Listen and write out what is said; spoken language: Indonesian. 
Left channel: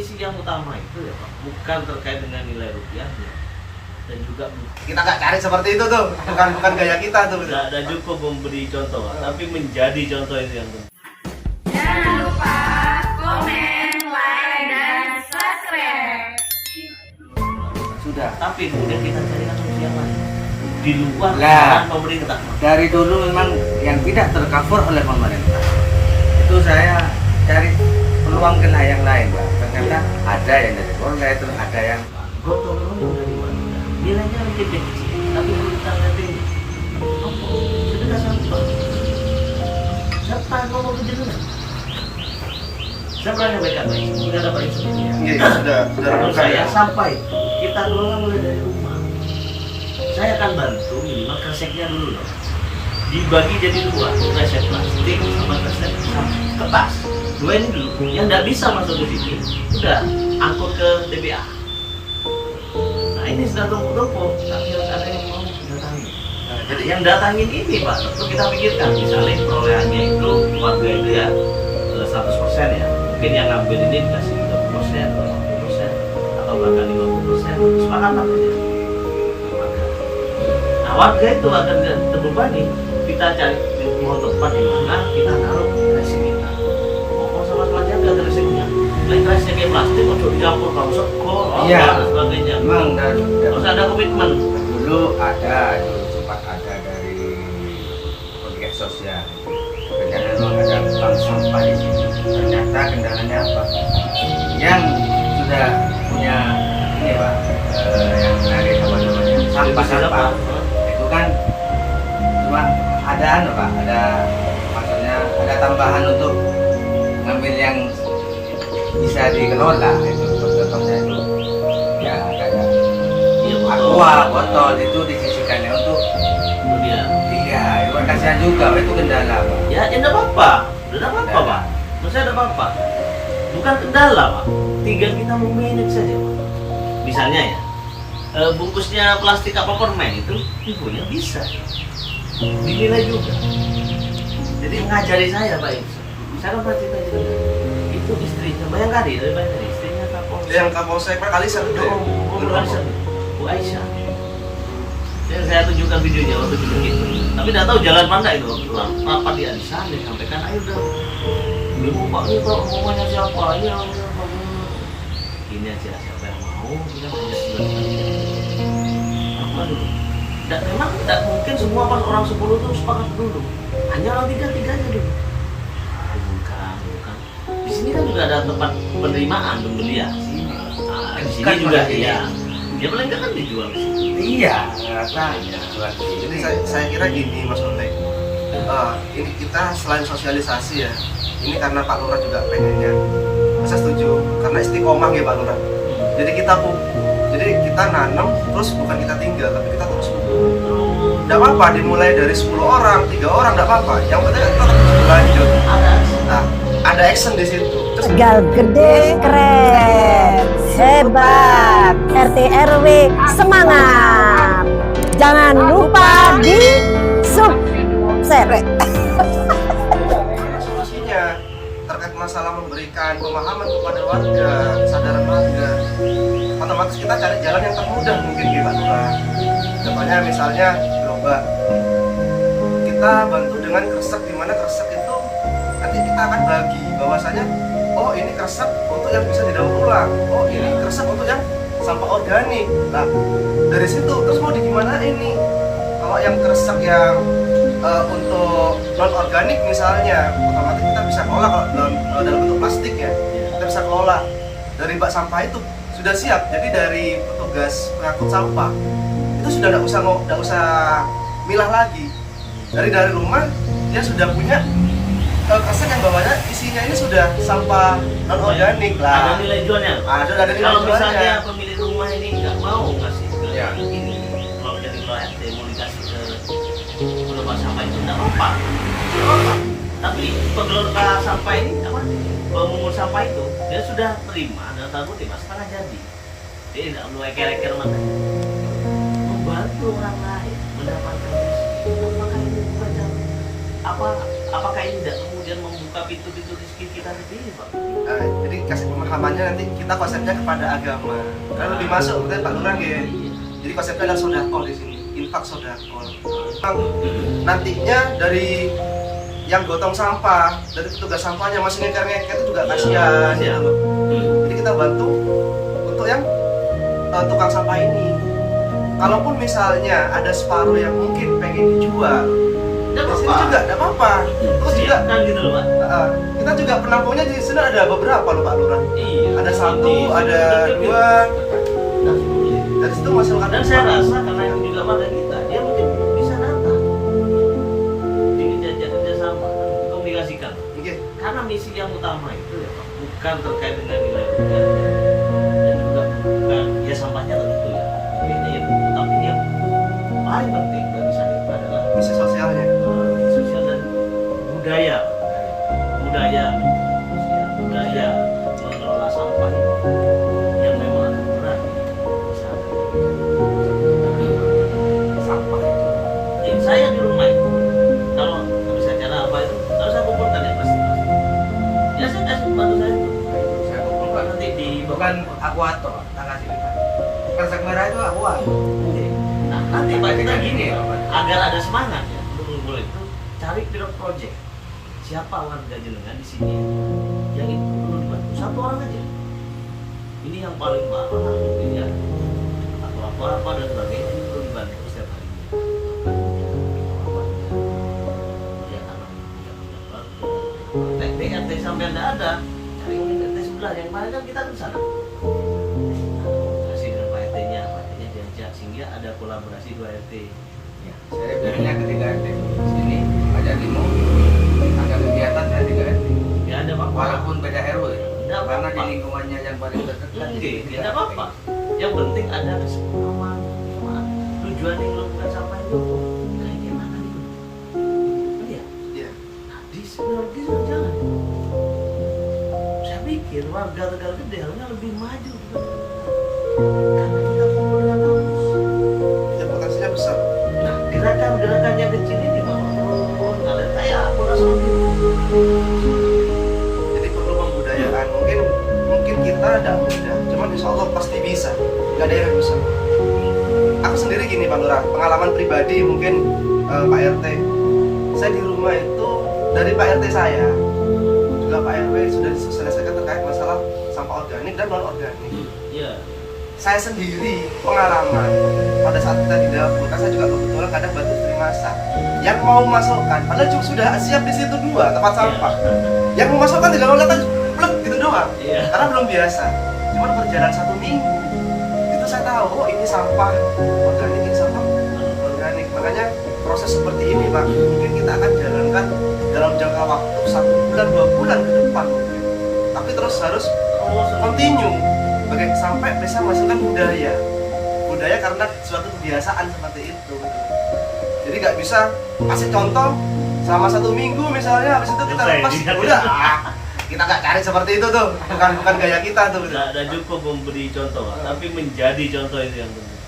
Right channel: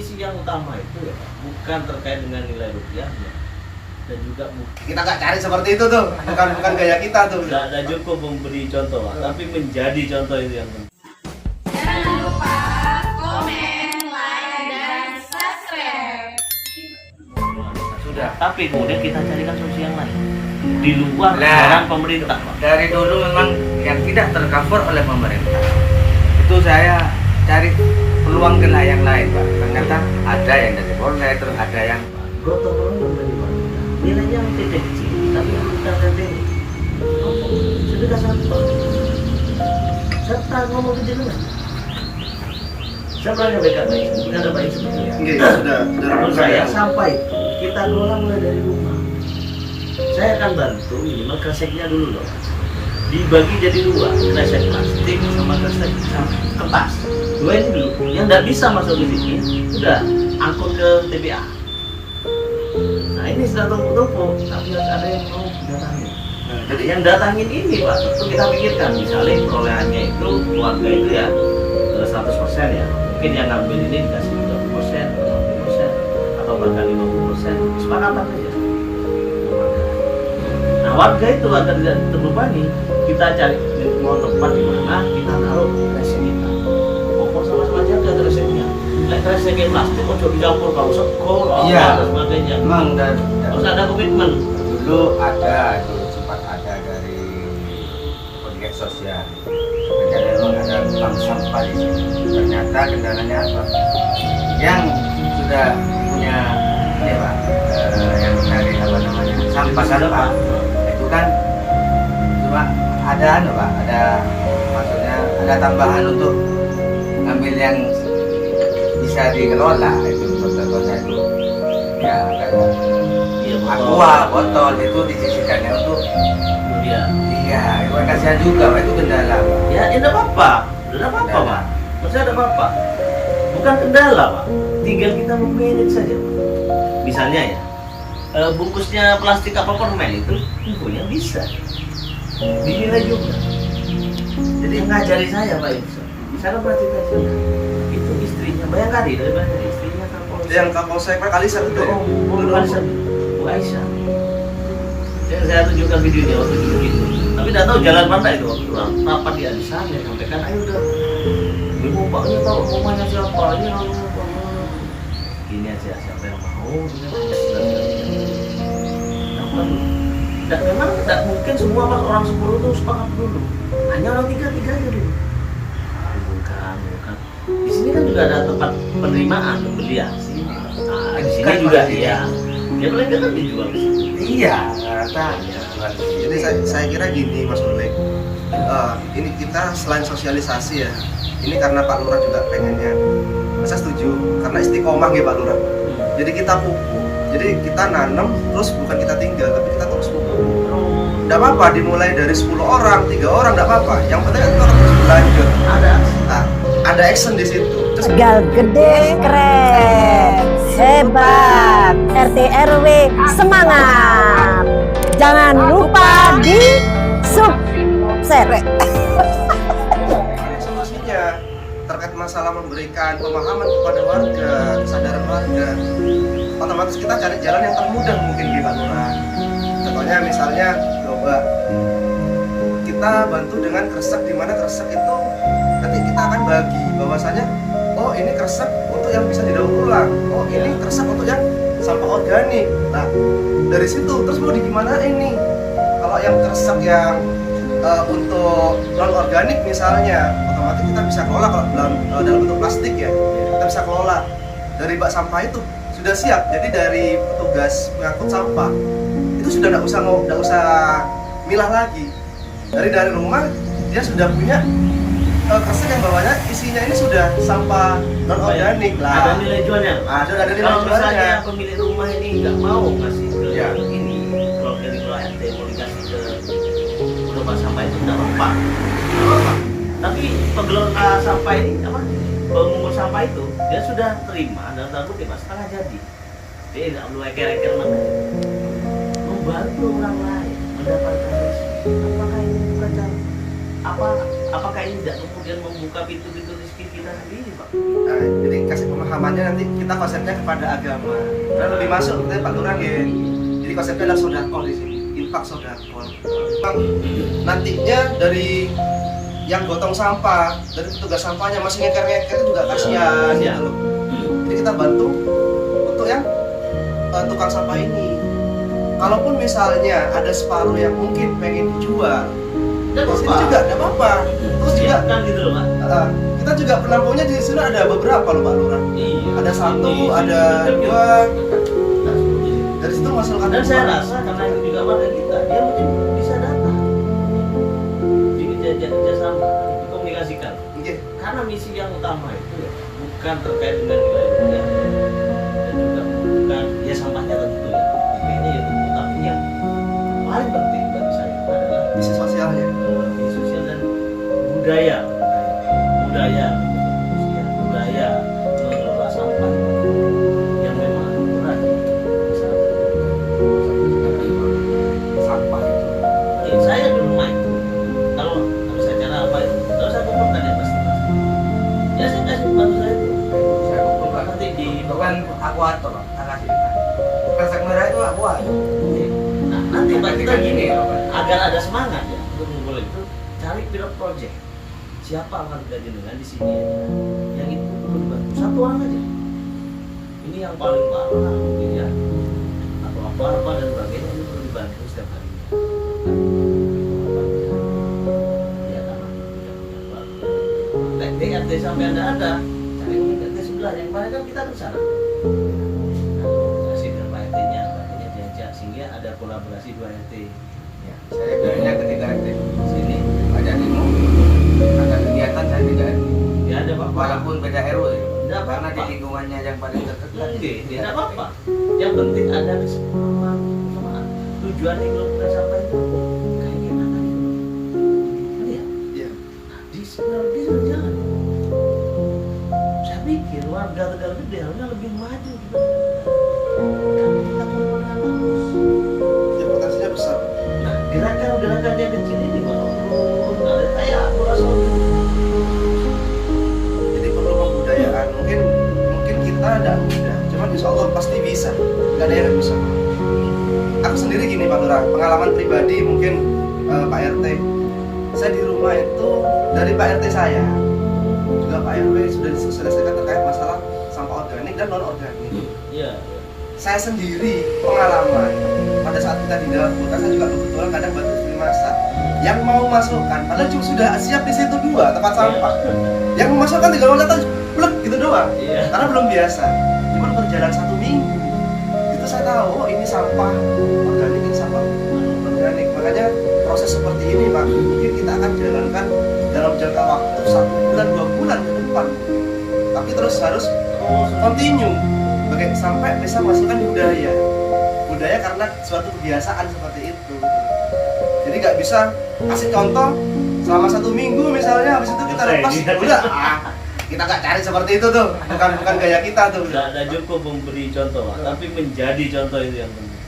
Isi yang utama itu ya Pak, bukan terkait dengan nilai rupiahnya dan juga Kita nggak cari seperti itu tuh, bukan gaya kita tuh. nggak cukup memberi contoh, Pak, tapi menjadi contoh itu yang penting. Jangan lupa komen, like, dan subscribe. Sudah. Tapi kemudian kita carikan solusi yang lain di luar Nah, anggaran pemerintah, Pak. Dari dulu memang yang tidak tercover oleh pemerintah itu saya cari peluang kena yang lain, Pak. Ternyata ada yang dari online, terus ada yang Gotong royong dari mana? Nilainya kecil, tapi kita gede. Apa? Sedekah sampah. Serta ngomong ke jenengan. Siapa yang baik-baik? Sudah ada baik seperti itu. Iya, sudah Menurut saya sampah itu kita kelola mulai dari rumah. Saya akan bantu minimal kreseknya dulu loh. Dibagi jadi dua, kresek plastik sama kresek kertas. Dua ini dulu. Yang tidak bisa masuk di sini, udah angkut ke TPA. Nah ini sudah tumpuk-tumpuk, tapi nggak ada yang mau datangi. Nah, jadi yang datangin ini Pak, itu kita pikirkan misalnya perolehannya itu keluarga itu ya 100% ya. Mungkin yang ngambil ini dikasih 30%, 40%, atau bahkan 50%, kesepakatan saja. Nah warga itu akan terbebani. Kita cari mau tempat di mana kita taruh kresek kita. Maupun sama-sama jaga kreseknya. Lain kresek kayak plastik, kok dicampur kalau sekor, Iya. dan sebagainya. memang Harus ada komitmen. dulu sempat ada dari pegiat sosial. Ternyata memang ada bank sampah di sini. Ternyata kendalanya apa? Yang sudah punya ini Pak, yang cari apa namanya sampah itu kan cuma ada Pak, ada maksudnya ada tambahan untuk ngambil yang bisa dikelola itu contohnya itu ya agak Iya, aqua botol itu disisikannya untuk dia. iya itu kan kasihan juga Pak, itu kendala Pak. Ya, tidak apa-apa. Tidak apa-apa, Pak. Maksudnya tidak apa-apa. Bukan kendala, Pak. Tinggal kita manage saja, Pak. Misalnya ya, bungkusnya plastik apa permen itu infonya bisa dinilai juga. Jadi ngajari saya, Pak Irsa. Saya kan berarti itu istrinya Bayangkari dari Bayangkari, istrinya Kapolsek. Yang Kapolsek Kalisan itu ya. Bu Kalisan, Bu Aisyah. Saya tunjukkan videonya waktu dulu gitu. Tapi tidak tahu jalan mana itu waktu rapat di Adisan dia sampaikan, ayo dong. Ibu Paknya tahu rumahnya siapa? Iya, Pak. Ini aja siapa yang mau dia tidak memang tidak mungkin semua pas orang 10 itu sepakat dulu. Hanya orang 3 aja dulu. Bukan. Di sini kan juga ada tempat penerimaan untuk dia. Nah, di sini juga iya. Ya paling kan dijual di sini. Iya rasanya Jadi saya kira gini Mas Ulek, ini kita selain sosialisasi ya, ini karena Pak Lurah juga pengennya, saya setuju karena istiqomah ya Pak Lurah. Jadi kita nanam terus bukan kita tinggal tapi kita terus pupuk. Tidak apa-apa dimulai dari 10 orang, 3 orang tidak apa-apa. Yang penting itu harus berlanjut. Nah, ada action di situ. Tegal gede keren, hebat, RT RW semangat. Jangan lupa di subscribe. Solusinya terkait masalah memberikan pemahaman kepada warga, kesadaran warga, otomatis kita cari jalan yang termudah mungkin di Pak Lurah. Contohnya misalnya coba kita bantu dengan kresek, di mana kresek itu nanti kita akan bagi bahwasanya oh ini kresek untuk yang bisa didaur ulang, oh ini kresek untuk yang sampah organik. Nah dari situ terus mau di gimana ini? Kalau yang kresek yang untuk non organik misalnya, otomatis kita bisa kelola kalau dalam bentuk plastik ya, kita bisa kelola dari bak sampah itu sudah siap. Jadi dari petugas pengangkut sampah itu sudah nggak usah milah lagi. Dari rumah dia sudah punya kresek yang bawahnya isinya ini sudah sampah non organik lah. Ada nilai jualnya. Ada nilai Kalau jualnya. misalnya pemilik rumah ini nggak mau ngasih ke Ya. ini, kalau jadi kelola RT mau dikasih ke tempat sampah itu tidak apa. Tapi pengelola sampah ini apa? Pemungut sampah itu dia sudah terima dan takut ya setengah jadi. Dia tidak perlu eker-eker mana. Membantu orang lain mendapatkan rezeki. Apakah ini bukan cara? Apakah ini tidak kemudian membuka pintu-pintu rezeki miskin kita sendiri, Pak. Jadi kasih pemahamannya nanti kita konsepnya kepada agama. Dan lebih masuk seperti Pak Lurah ya. Jadi konsepnya adalah sedekah di sini, infak sedekah. Nantinya dari yang gotong sampah, dari petugas sampahnya masih ngeker-ngeker itu juga kasihan ya. Jadi kita bantu untuk yang tukang sampah ini. Kalaupun misalnya ada separuh yang mungkin pengen dijual, Tidak di sini apa-apa. juga tidak apa-apa. Terus juga Siapkan gitu loh, Pak. kita juga penampungnya di sini ada beberapa loh Pak Lurah. Iya. Ada satu, ada dua. Dari situ masukkan. Dan saya rasa karena itu juga warga kita, dia mungkin bisa datang. Jadi dia sama komunikasikan. Iya. Karena misi yang utama itu ya Pak, bukan terkait dengan nilai rupiah dan juga bukan ya sampahnya tentu ya, nilainya ya tentu, tapi yang paling penting bagi saya adalah Misi sosialnya. sosial dan budaya budaya mengelola sampah yang memang benar masyarakat. Sampah itu Ya, saya di rumah itu kalau bisa cara apa itu kalau saya kumpulkan yang plastik ya saya kasih bantu saya itu saya kumpulkan. nanti di Bukan aku atur, tak kasih kita. Kresek merah itu aku atur. nah, nanti Pak kita gini agar ada semangat ya untuk ngumpulin itu cari pilot project siapa warga jenengan di sini yang itu perlu dibantu satu orang aja ini yang paling parah gitu ya atau apa dan sebagainya ini perlu dibantu setiap hari ya karena punya keluarga RT sampai anda ada cari mungkin RT sebelah yang mana kan kita ke sana kasih ke Pak RT-nya diajak sehingga ada kolaborasi 2 RT Ya, saya bilangnya ketika RT di sini ada demo, ada kegiatan saya juga RT. ya ada apa-apa Walaupun beda RW, Tidak karena di apa-apa. lingkungannya yang paling dekat. tidak apa-apa yang penting ada kesepahaman tujuan yang melakukan sampah itu kayak gimana nih kan ya Iya. nah, di sebelah jalan saya pikir warga Tegal Gede harusnya lebih maju karena kita perlu dengan bagus Ya potensinya besar. nah gerakan-gerakannya kecil ini menurut kalian saya aku rasa Jadi perlu pembudayaan. Mungkin kita tidak mudah, cuman insya Allah pasti bisa. Gak ada yang bisa. Aku sendiri gini Pak Lurah, pengalaman pribadi mungkin Pak RT. Saya di rumah itu dari Pak RT saya, juga Pak RW sudah diselesaikan terkait masalah sampah organik dan non organik. iya Saya sendiri pengalaman pada saat kita di dapur, kan saya juga kebetulan kadang bantu istri masak. Yang mau masukkan, padahal cuma sudah siap di situ 2 tempat sampah. Yang mau masukkan tinggal datang plek gitu doang. Iya. Karena belum biasa. Cuma berjalan 1 minggu itu saya tahu oh ini sampah organik, ini sampah organik. Makanya proses seperti ini Pak, mungkin kita akan jalankan dalam jangka waktu 1 bulan 2 bulan ke depan. Tapi terus harus continue sampai bisa masukkan budaya karena suatu kebiasaan seperti itu. Jadi nggak bisa kasih contoh selama 1 minggu misalnya, habis itu kita lepas udah kita nggak cari seperti itu tuh, bukan gaya kita tuh. Tidak cukup memberi contoh, tapi menjadi contoh itu yang penting.